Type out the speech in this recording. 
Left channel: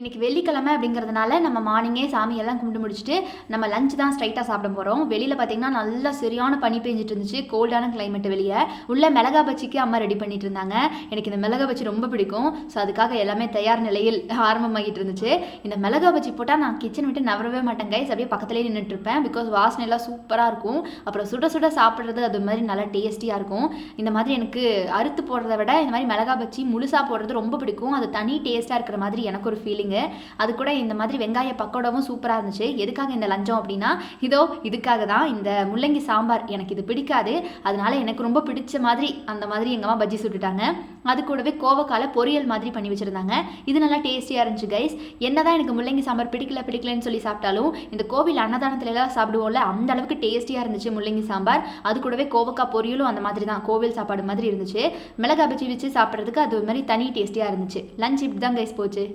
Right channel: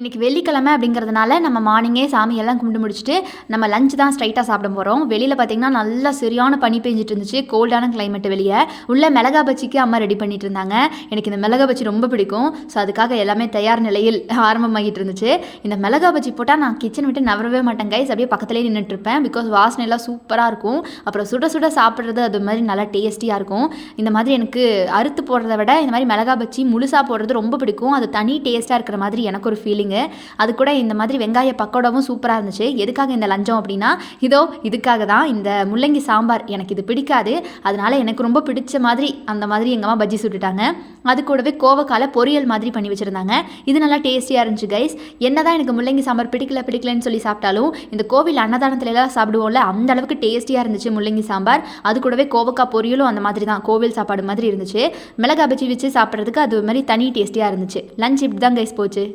இன்றைக்கி வெள்ளிக்கிழமை அப்படிங்கிறதுனால நம்ம மார்னிங்கே சாமியெல்லாம் கும்பிட்டு முடிச்சுட்டு நம்ம லஞ்ச் தான் ஸ்ட்ரைட்டாக சாப்பிட போகிறோம். வெளியில் பார்த்திங்கன்னா நல்லா சரியான பனி பெஞ்சிட்டு இருந்துச்சு. கோல்டான கிளைமேட் வெளியே. உள்ள மிளகா பஜ்ஜிக்கு அம்மா ரெடி பண்ணிட்டு இருந்தாங்க. எனக்கு இந்த மிளகா பஜ்ஜி ரொம்ப பிடிக்கும். ஸோ அதுக்காக எல்லாமே தயார் நிலையில் ஆரம்பமாகிட்டு இருந்துச்சு. இந்த மிளகா பஜ்ஜி போட்டால் நான் கிச்சன் விட்டு நவரவே மாட்டேன் கைஸ். அப்படியே பக்கத்துலேயே நின்றுட்டுருப்பேன். பிகாஸ் வாசனை எல்லாம் சூப்பராக இருக்கும். அப்புறம் சுட சுட சாப்பிட்றது அது மாதிரி நல்லா டேஸ்டியாக இருக்கும். இந்த மாதிரி எனக்கு அறுத்து போடுறத விட இந்த மாதிரி மிளகா பஜ்ஜி முழுசாக போடுறது ரொம்ப பிடிக்கும். அது தனி டேஸ்ட்டாக இருக்கிற மாதிரி எனக்கு ஒரு ஃபீலிங். அது கூட இந்த மாதிரி வெங்காய பக்கோடாவும் சூப்பராக இருந்துச்சு. எதுக்காக இந்த லஞ்சம் அப்படின்னா இதுக்காக தான். இந்த முள்ளங்கி சாம்பார் எனக்கு இது பிடிக்காது. அதனால எனக்கு ரொம்ப பிடிச்ச மாதிரி அந்த மாதிரி எங்கள் அம்மா பஜ்ஜி சுட்டுட்டாங்க. அது கூடவே கோவக்கால பொரியல் மாதிரி பண்ணி வச்சுருந்தாங்க. இது நல்லா டேஸ்டியாக இருந்துச்சு கைஸ். என்னதான் எனக்கு முள்ளங்கி சாம்பார் பிடிக்கலன்னு சொல்லி சாப்பிட்டாலும் இந்த கோவில் அன்னதானத்துலலாம் சாப்பிடுவோம்ல, அந்த அளவுக்கு டேஸ்டியாக இருந்துச்சு முள்ளங்கி சாம்பார். அது கூடவே கோவக்காய் பொரியலும் அந்த மாதிரி தான் கோவில் சாப்பாடு மாதிரி இருந்துச்சு. மிளகா பஜ்ஜி வச்சு சாப்பிட்றதுக்கு அது மாதிரி தனி டேஸ்டியாக இருந்துச்சு. லஞ்ச் இப்படி தான் கைஸ் போச்சு.